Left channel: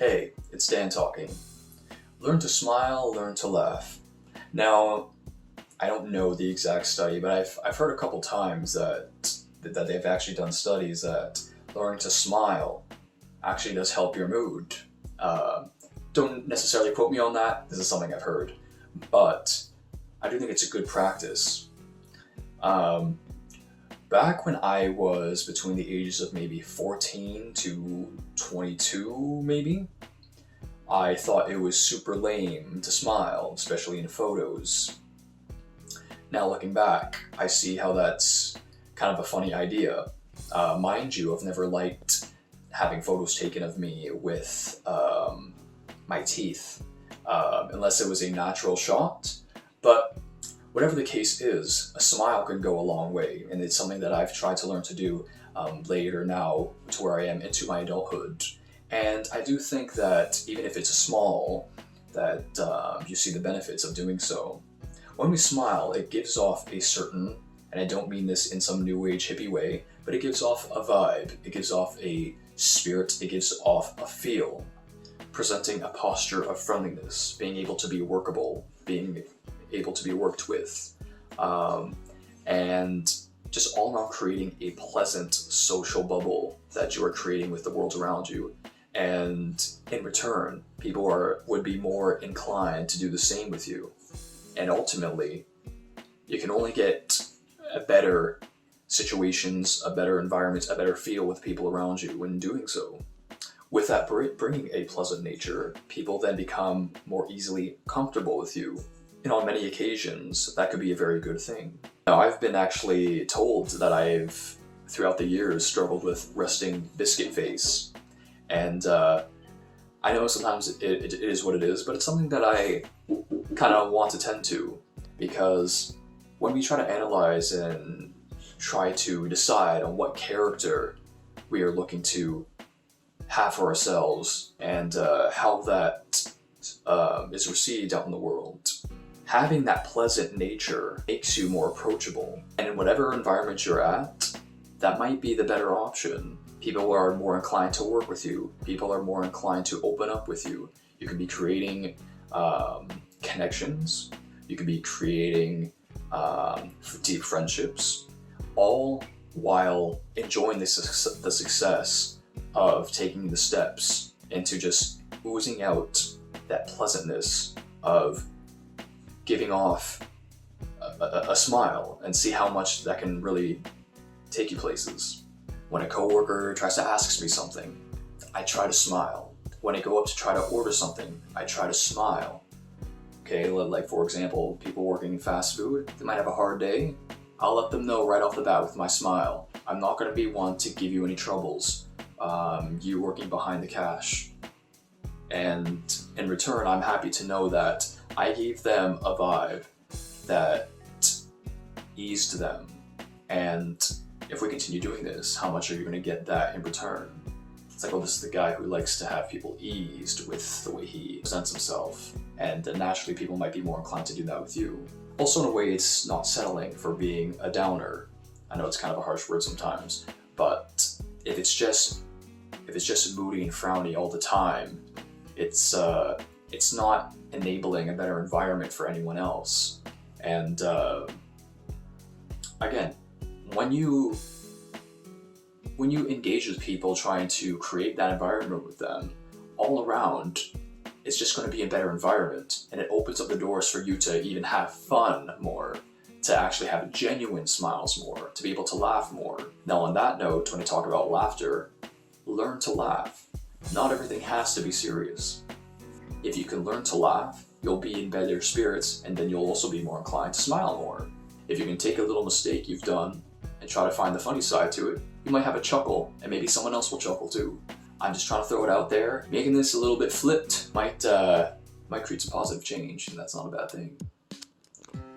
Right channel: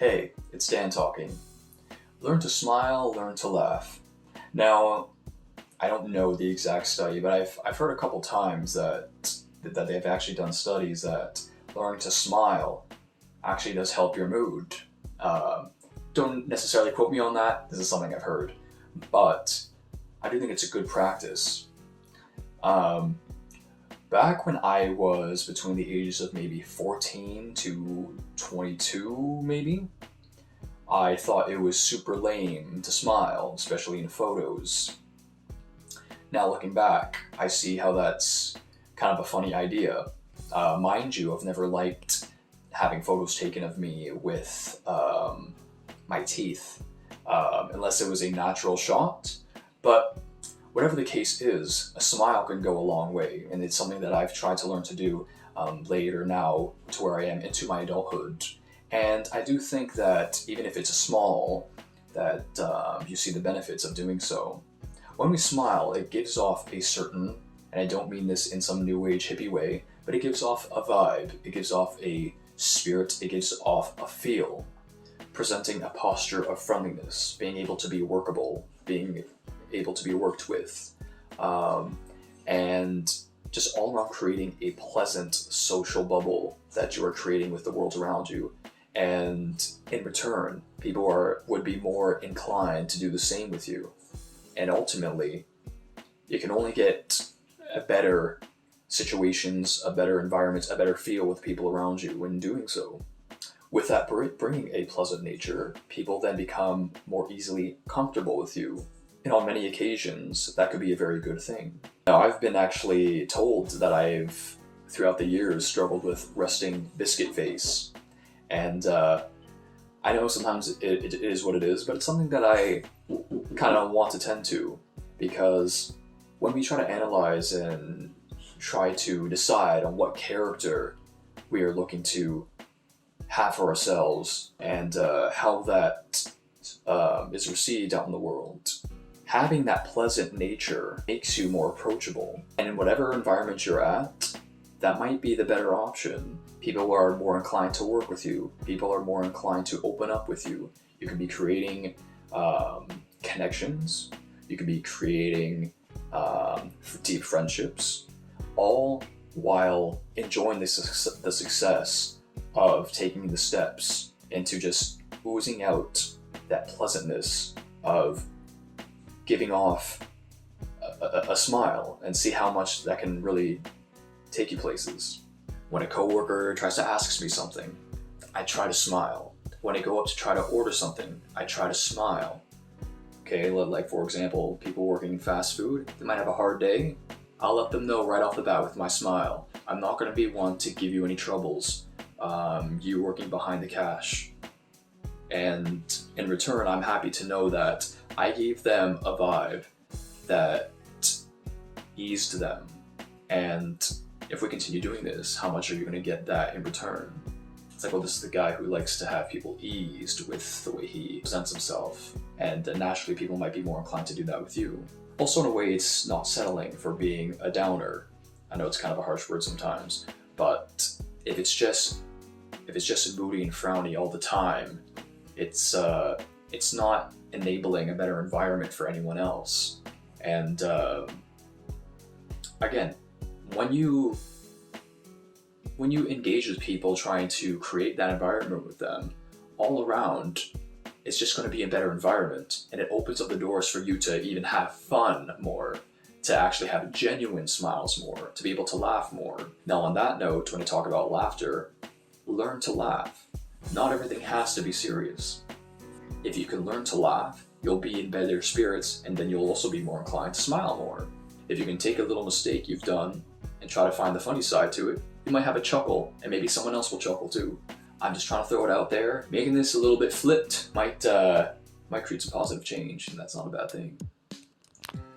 Hey, it's Dan talking. Learn to smile, learn to laugh. Now, I don't know the exact study, but I've heard a couple times that they've actually done studies that learning to smile actually does help your mood. Uh, don't necessarily quote me on that. This is something I've heard, but I do think it's a good practice. Um, Back when I was between the ages of maybe 14 to 22, maybe, I thought it was super lame to smile, especially in photos. Now looking back, I see how that's kind of a funny idea. Mind you, I've never liked having photos taken of me with my teeth, unless it was a natural shot. But whatever the case is, a smile can go a long way, and it's something that I've tried to learn to do later now to where I am into my adulthood. And I do think that even if it's a small, that you see the benefits of doing so. When we smile, it gives off a certain, and I don't mean this in some new age hippie way, but it gives off a vibe, it gives off a spirit, it gives off a feel, presenting a posture of friendliness, being able to be workable, being able to be worked with, and just all around creating a pleasant social bubble that you are creating with the world around you. And in return, people would be more inclined to do the same with you. And ultimately, you can only get a better situations, a better environment, a better feel with people around you when doing so. With that bringing a pleasant nature, people then become more easily comfortable with you. And on many occasions, that could be a very good thing. Now, I've been actually told that I've, throughout the years, struggled with resting biscuit face. And I know sometimes it is what it is, but it's something that I kind of want to tend to, because when we try to analyze and try to decide on what character we are looking to have for ourselves and how that is received out in the world, having that pleasant nature makes you more approachable. And in whatever environment you're at, that might be the better option. People are more inclined to work with you. People are more inclined to open up with you. You can be creating connections. You can be creating deep friendships, all while enjoying the success of taking the steps into just oozing out that pleasantness of giving off a smile, and see how much that can really take you places. When a coworker tries to ask me something, I try to smile. When I go up to try to order something, I try to smile. Okay, like for example, people working in fast food, they might have a hard day. I'll let them know right off the bat with my smile. I'm not going to be one to give you any troubles. You working behind the cash. And in return, I'm happy to know that I gave them a vibe that eased them. And if we continue doing this, how much are you going to get that in return? It's like, well, this is the guy who likes to have people eased with the way he presents himself, and naturally people might be more inclined to do that with you. Also, in a way, it's not settling for being a downer. I know it's kind of a harsh word sometimes, but if it's just moody and frowny all the time, it's not enabling a better environment for anyone else. And again, when you engage with people trying to create that environment with them, all around, it's just going to be a better environment, and it opens up the doors for you to even have fun more, to actually have genuine smiles more, to be able to laugh more. Now on that note, when I talk about laughter, learn to laugh. Not everything has to be serious. If you can learn to laugh, you'll be in better spirits, and then you'll also be more inclined to smile more. If you can take a little mistake you've done and try to find the funny side to it, you might have a chuckle, and maybe someone else will chuckle too. I'm just trying to throw it out there. Making this a little bit flipped might create some positive change, and that's not a bad thing.